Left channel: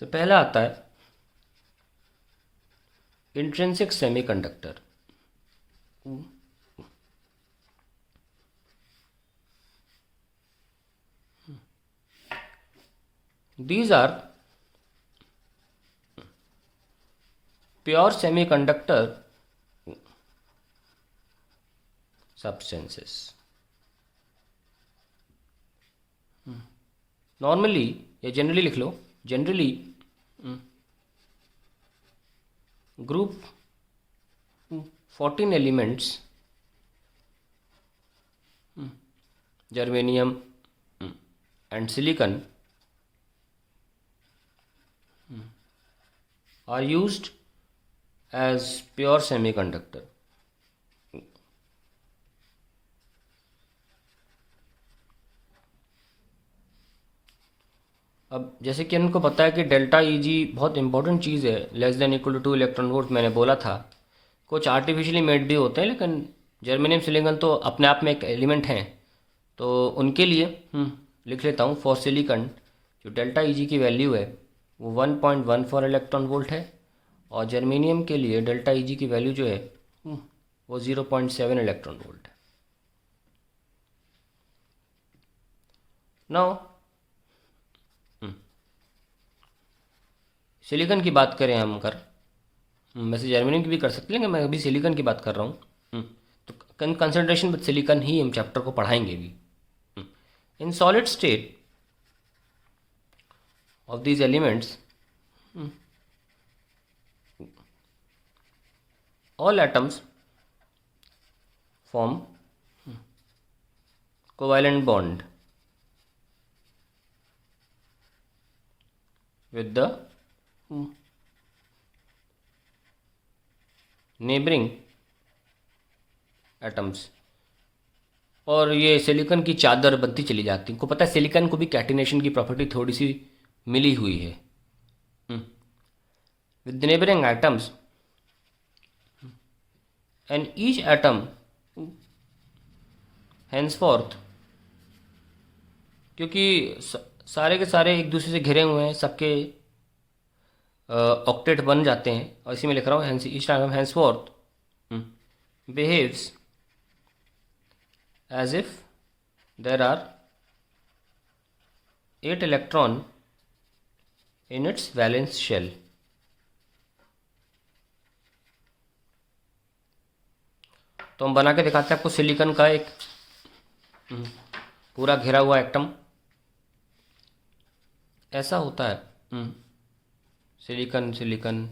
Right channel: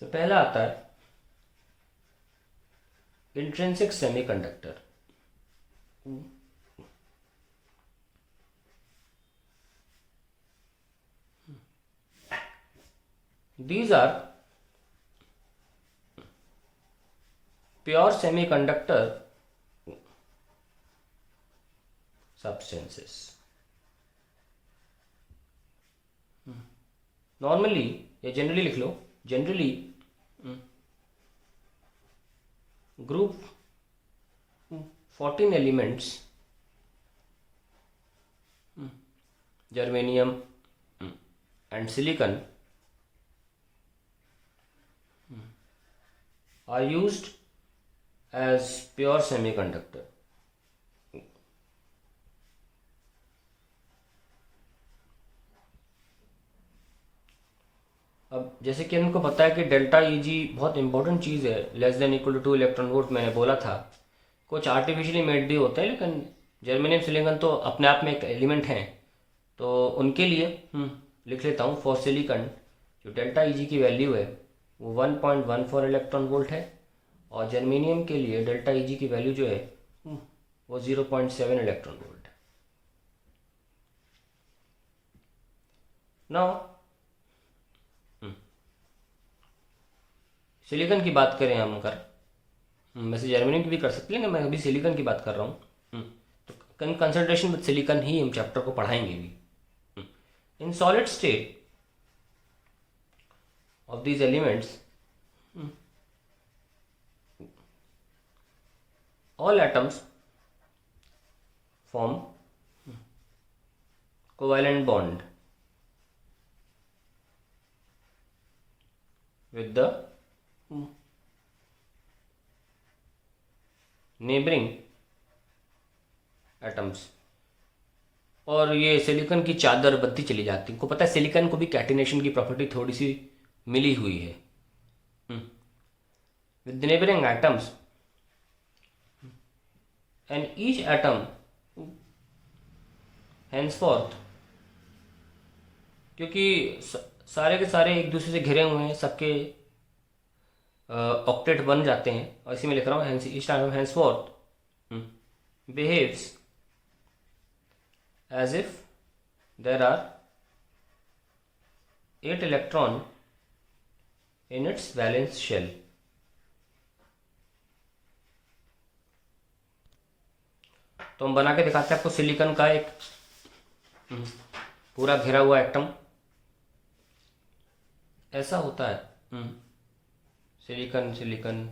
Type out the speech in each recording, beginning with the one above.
तो पहला आता है intrinsic semiconductor. These are pure semiconductor substances. Normally या generally लिख लो, generally group 14 elements germanium and silicon are used as pure semiconductor. अब जैसे कि हमको पता है कि डेल्टा ई जी बहुत इंपॉर्टेंट चीज़ है, less than equal to 2 electron volt मैंने बोला था। कुछ आर्टिफिशियली मेड भी होते हैं, लेकिन जर्मेनियम सिलिकॉन तो अपने आप में एक एलिमेंट हैं, तो उनके लिए लिख लेता हूँ। फॉर सिलिकॉन जो डेल्टा ई जी की वैल्यू है वो 1.14 इलेक्ट्रॉन वोल्ट है, और जर्मेनियम के लिए डेल्टा ई जी की वैल्यू जो है वो 0.7 इलेक्ट्रॉन वोल्ट है। नाउ सिलिकॉन की बात करें हम वैसे जर्मेनियम की भी कर सकते हैं, लेकिन मैं अभी सिलिकॉन की बात कर रहा हूँ। तो कंसंट्रेशन विद सिलिकॉन ही हम चैप्टर को पढ़ाएंगे भी। In solid state of these elements all atoms form covalent bond with the neighboring atoms, और ये सिलिकॉन की चादर बनती चली जाती है। आपको पता है सिलिकॉन को भी कैटिनेशन की प्रॉपर्टी थोड़ी सी मिली हुई है। With the neighbouring atoms and each atom henceforth, क्योंकि सारे के सारे एक दूसरे से घिरे हुए हैं, सबके ऑक्टेट बन जाते हैं, और इसी में लिख रहा हूँ each atom henceforth behaves as if there are 8 electron in its valence shell। तो हम बना के दिखाते हैं आपको सिलिकॉन का एक पूरा घिरा हुआ एटम ऐसा होता है। सिलिकॉन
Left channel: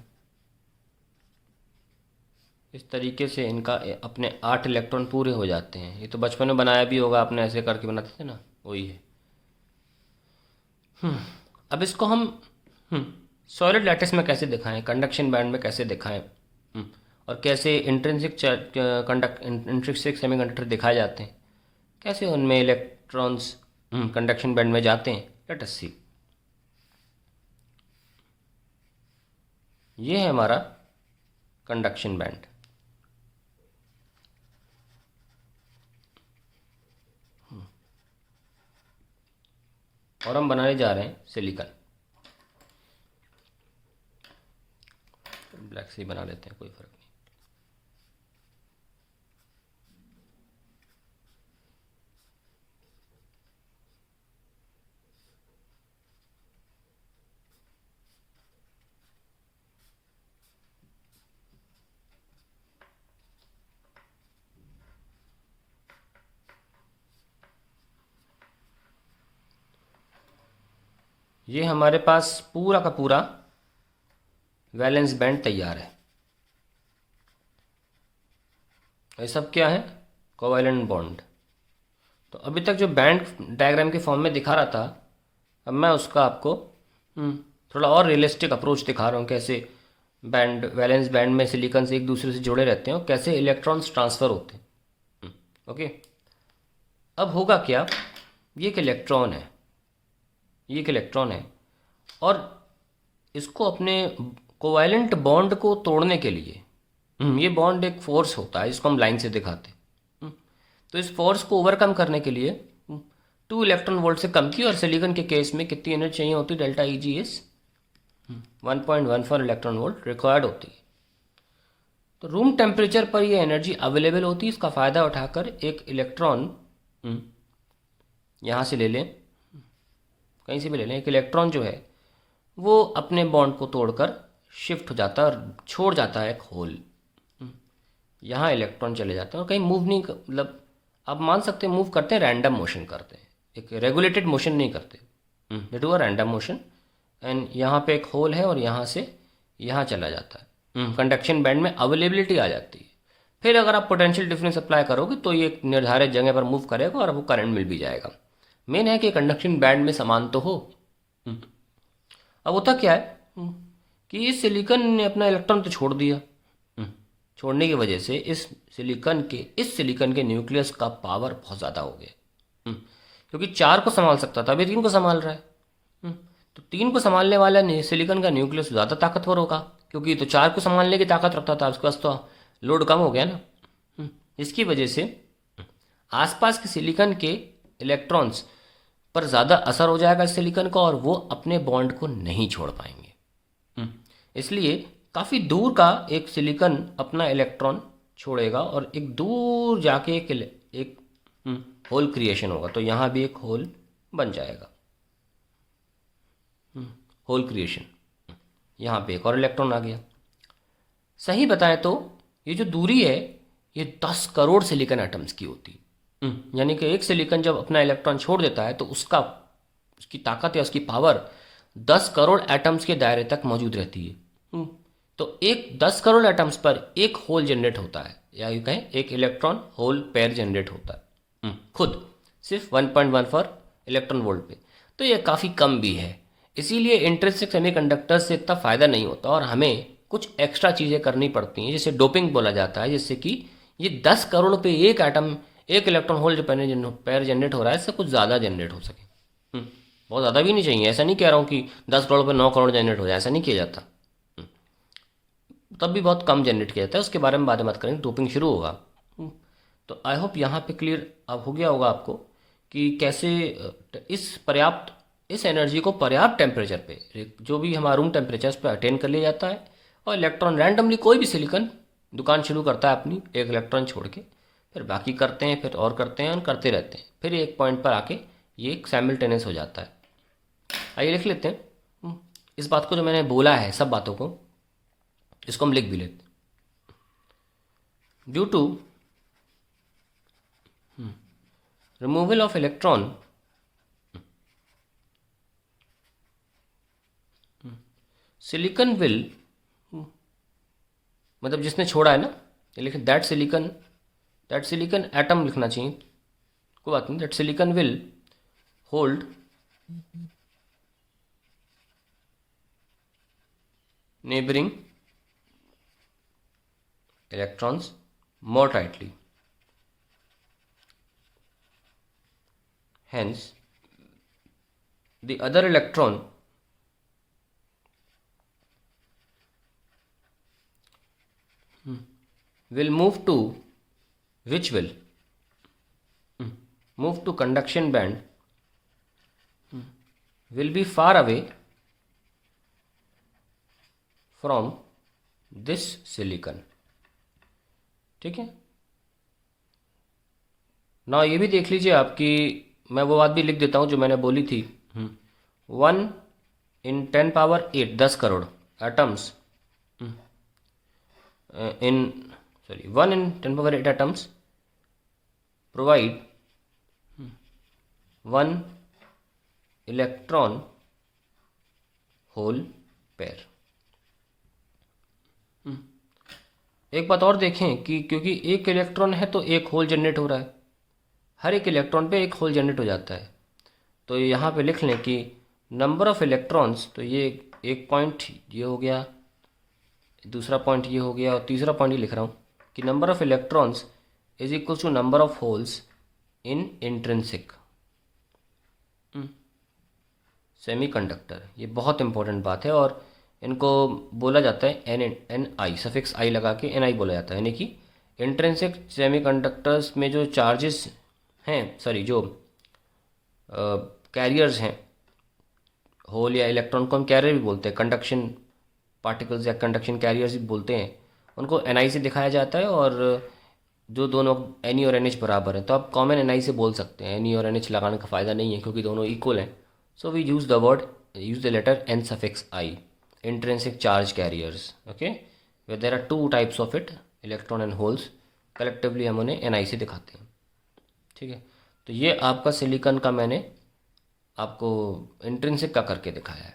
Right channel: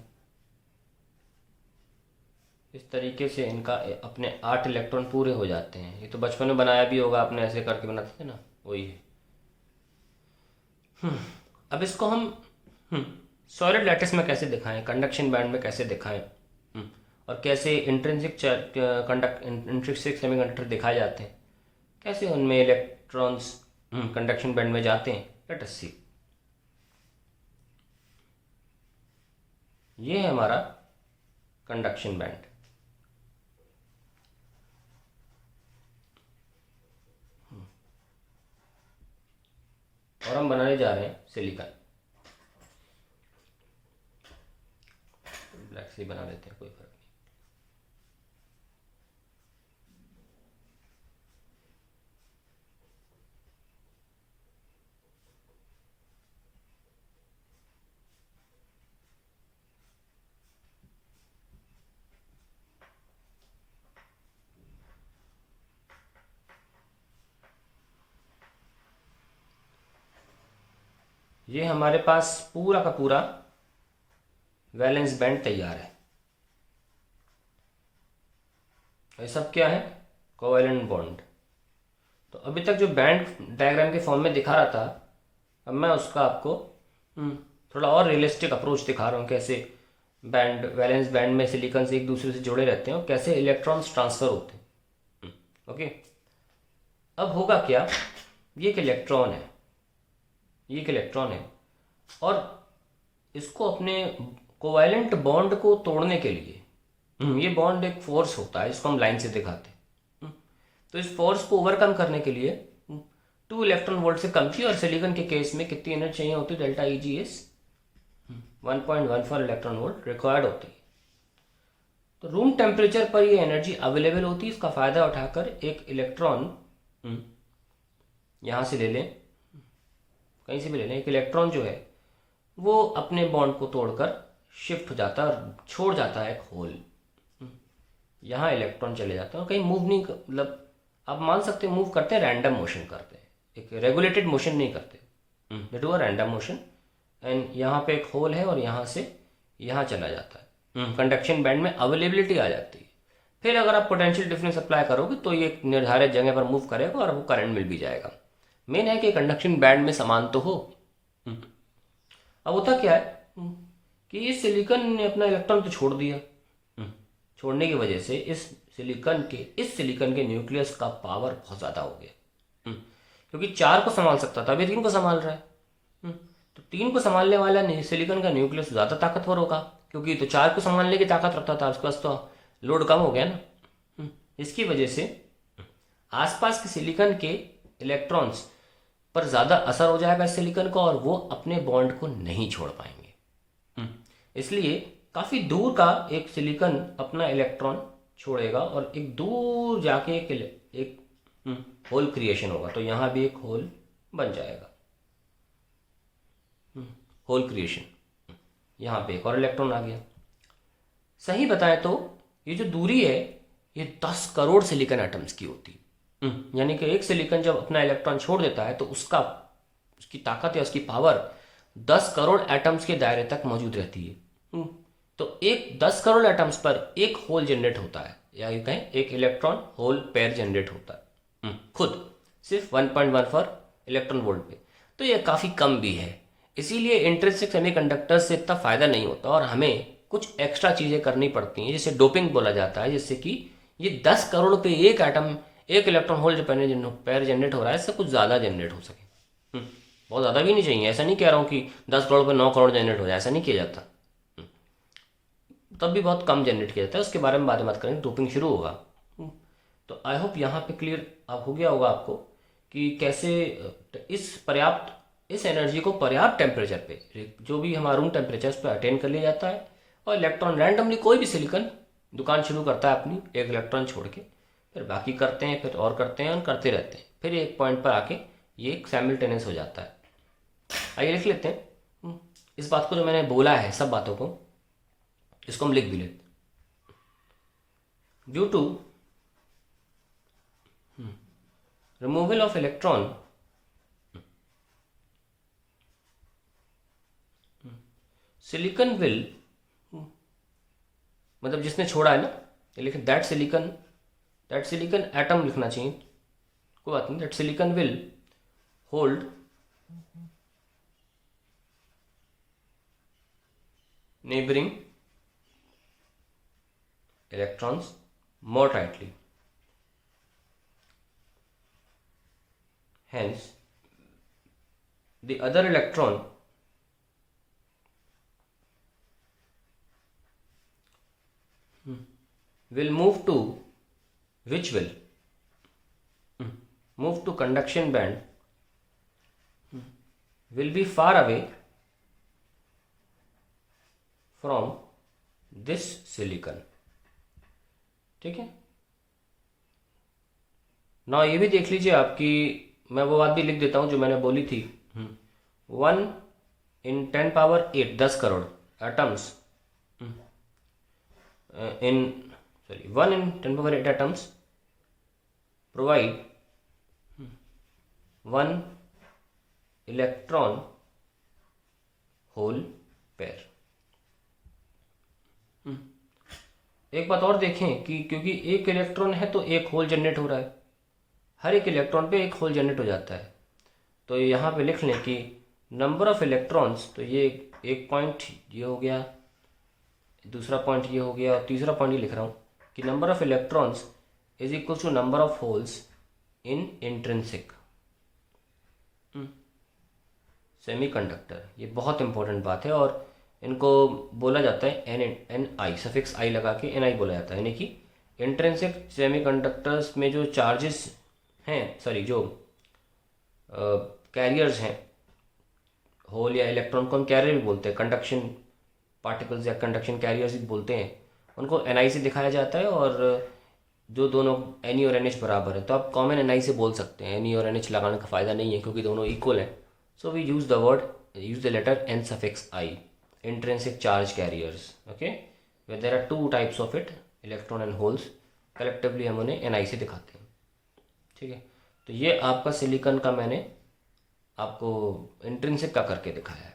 इस तरीके से इनका अपने 8 इलेक्ट्रॉन पूरे हो जाते हैं। ये तो बचपन में बनाया भी होगा आपने, ऐसे करके बनाते थे ना, वही है। अब इसको हम सॉलिड लैटिस में कैसे दिखाएं, कंडक्शन बैंड में कैसे दिखाएं, और कैसे इंट्रिंसिक सेमीकंडक्टर दिखाए जाते हैं, कैसे उनमें इलेक्ट्रॉन्स कंडक्शन बैंड में जाते हैं। लेट अस सी। ये है हमारा कंडक्शन बैंड। और हम बनाने जा रहे हैं सिलिकॉन। ब्लैक से ही बना लेते हैं, कोई फर्क नहीं। ये हमारे पास पूरा का पूरा वैलेंस बैंड तैयार है। ये सब क्या है? Covalent bond. तो अभी तक जो बैंड डायग्राम के फॉर्म में दिखा रहा था, अब मैं उसका आपको थोड़ा और रियलिस्टिक अप्रोच दिखा रहा हूँ, कैसे बैंड वैलेंस बैंड में सिलिकॉन से एक दूसरे से जुड़े रहते हैं और कैसे इलेक्ट्रॉन्स ट्रांसफ़र होते हैं। ओके, अब होगा क्या, ये एक इलेक्ट्रॉन है, ये एक इलेक्ट्रॉन है, और इसको अपने कोवैलेंट बॉन्ड को तोड़ने के लिए ये बॉन्ड एक फोर्स होता है, इसको हम लाइन से दिखाते हैं। तो इस फोर्स को ओवरकम करने के लिए 2 इलेक्ट्रॉन वोल्ट से कम की, और सिलिकॉन के केस में कितनी एनर्जी चाहिए होती है? Delta E G is 1.14 electron volt required होती है। तो रूम टेम्परेचर पर ये एनर्जी अवेलेबल होती है। इसका फ़ायदा उठाकर एक इलेक्ट्रॉन यहाँ से ले लें, कहीं से भी ले लें, एक इलेक्ट्रॉन जो है वो अपने बॉन्ड को तोड़कर शिफ्ट हो जाता है और छोड़ जाता है एक होल। यहाँ इलेक्ट्रॉन चले जाते हैं और कहीं मूव नहीं मतलब आप मान सकते हैं मूव करते हैं, रैंडम मोशन करते हैं, एक रेगुलेटेड मोशन नहीं करते, they do a random motion. And यहाँ पे एक होल है और यहाँ से यहाँ चला जाता है, कंडक्शन बैंड में अवेलेबिलिटी आ जाती है। फिर अगर आप पोटेंशियल डिफरेंस अप्लाई करोगे तो ये निर्धारित जगह पर मूव करेगा और आपको करंट मिल भी जाएगा। मेन है कि कंडक्शन बैंड में समान तो हो। अब होता क्या है कि ये सिलिकॉन ने अपना इलेक्ट्रॉन तो छोड़ दिया। छोड़ने की वजह से इस सिलिकॉन के न्यूक्लियस का पावर बहुत ज़्यादा हो गया, क्योंकि 4 को संभाल सकता था, अभी 3 को संभाल रहा है। तो 3 को संभालने वाला सिलिकॉन का न्यूक्लियस ज़्यादा ताकतवर होगा, क्योंकि तो 4 को संभालने की ताकत रखता था, उसके पास तो लोड कम हो गया ना। इसकी वजह से आसपास के सिलिकॉन के इलेक्ट्रॉन्स पर ज़्यादा असर हो जाएगा सिलिकॉन का और वो अपने बॉन्ड को नहीं छोड़ पाएंगे। इसलिए काफ़ी दूर का एक सिलिकॉन अपना इलेक्ट्रॉन छोड़ेगा और एक दूर जाके एक होल क्रिएशन होगा। तो यहाँ भी एक होल बन जाएगा, होल क्रिएशन। यहाँ पे एक और इलेक्ट्रॉन आ गया। सही बताएं तो ये जो दूरी है ये 10 करोड़ सिलिकॉन एटम्स की होती है। यानी कि एक सिलिकॉन जब अपना इलेक्ट्रॉन छोड़ देता है तो उसकी ताकत या उसकी पावर 10 करोड़ एटम्स के दायरे तक मौजूद रहती है। तो एक 10 करोड़ एटम्स पर एक होल जनरेट होता है, या ये कहें एक इलेक्ट्रॉन होल पेयर जनरेट होता है खुद सिर्फ 1.14 इलेक्ट्रॉन वोल्ट पे। तो ये काफ़ी कम भी है, इसीलिए इंट्रिंसिक सेमीकंडक्टर्स से इतना फ़ायदा नहीं होता और हमें कुछ एक्स्ट्रा चीज़ें करनी पड़ती हैं, जिसे डोपिंग बोला जाता है, जिससे कि ये 10 करोड़ पे एक एटम एक इलेक्ट्रॉन होल जो पेयर जनरेट हो रहा है इससे कुछ ज़्यादा जनरेट हो सके। बहुत ज़्यादा भी नहीं चाहिए, ऐसा नहीं कह रहा हूँ कि 10 करोड़ पे 9 करोड़ जनरेट हो जाए, ऐसा नहीं किया जाता। तब भी बहुत कम जनरेट किया जाता है, उसके बारे में बाद में बात करेंगे, डोपिंग शुरू होगा। तो आई होप यहाँ पे क्लियर अब हो गया होगा आपको कि कैसे इस एनर्जी को पर्याप्त टेम्परेचर पे, जो भी हमारा रूम टेम्परेचर पे अटेन कर लिया जाता है और इलेक्ट्रॉन रैंडमली कोई भी सिलिकॉन दुकान शुरू करता है अपनी एक इलेक्ट्रॉन छोड़ के, फिर बाकी करते हैं, फिर और करते हैं और करते रहते हैं, फिर एक पॉइंट पर आके ये साइमल्टेनियस हो जाता है। आइए लिख लेते हैं इस बात को, जो मैंने बोला है सब बातों को, इसको हम लिख भी लेते। Due to removal of electron silicon will, मतलब जिसने छोड़ा है ना, लिखे दैट सिलिकॉन एटम लिखना चाहिए, कोई बात नहीं, that silicon will hold neighboring electrons more tightly. Hence, the other electron will move to, which will move to conduction band, will be far away from this silicon. ठीक है ना, ये भी देख लीजिए आपकी, मैं वो बात भी लिख देता हूँ जो मैंने बोली थी। 1 × 10⁸ 10 crore atoms in 1 × 10⁸ atoms provide 1 electron hole pair. एक बात और देखें कि क्योंकि एक इलेक्ट्रॉन है तो एक होल जनरेट हो रहा है, हर एक इलेक्ट्रॉन पे एक होल जनरेट हो जाता है। तो यहाँ पे लिख लें कि नंबर ऑफ इलेक्ट्रॉन्स, तो ये एक पॉइंट ये हो गया, दूसरा पॉइंट ये हो गया और तीसरा पॉइंट ये लिख रहा हूँ कि number of electrons is equal to number of holes in intrinsic semiconductor. ये बहुत इंपॉर्टेंट बात है और इनको बोला जाता है NI, सफिक्स आई लगा के NI बोला जाता है, यानी कि इंट्रिंसिक सेमीकंडक्टर्स में जो चार्जेस हैं, जो कैरियर्स हैं होल या इलेक्ट्रॉन को हम कैरियर भी बोलते हैं, कंडक्शन पार्टिकल्स या कंडक्शन कैरियर्स भी बोलते हैं, उनको एन से दिखाया जाता है। और जो दोनों एन और एन एच बराबर है तो आप कॉमन एन से बोल सकते हैं, एन और एन एच लगाने का फ़ायदा नहीं है क्योंकि दोनों इक्वल हैं। So we use the letter N suffix I, intrinsic charge carriers. Okay, they there are two types of it, electron and holes. Collectively हम उन्हें एन से दिखाते हैं। ठीक है, तो ये आपका सिलिकॉन का मैंने आपको इंट्रिंसिक का करके दिखाया है।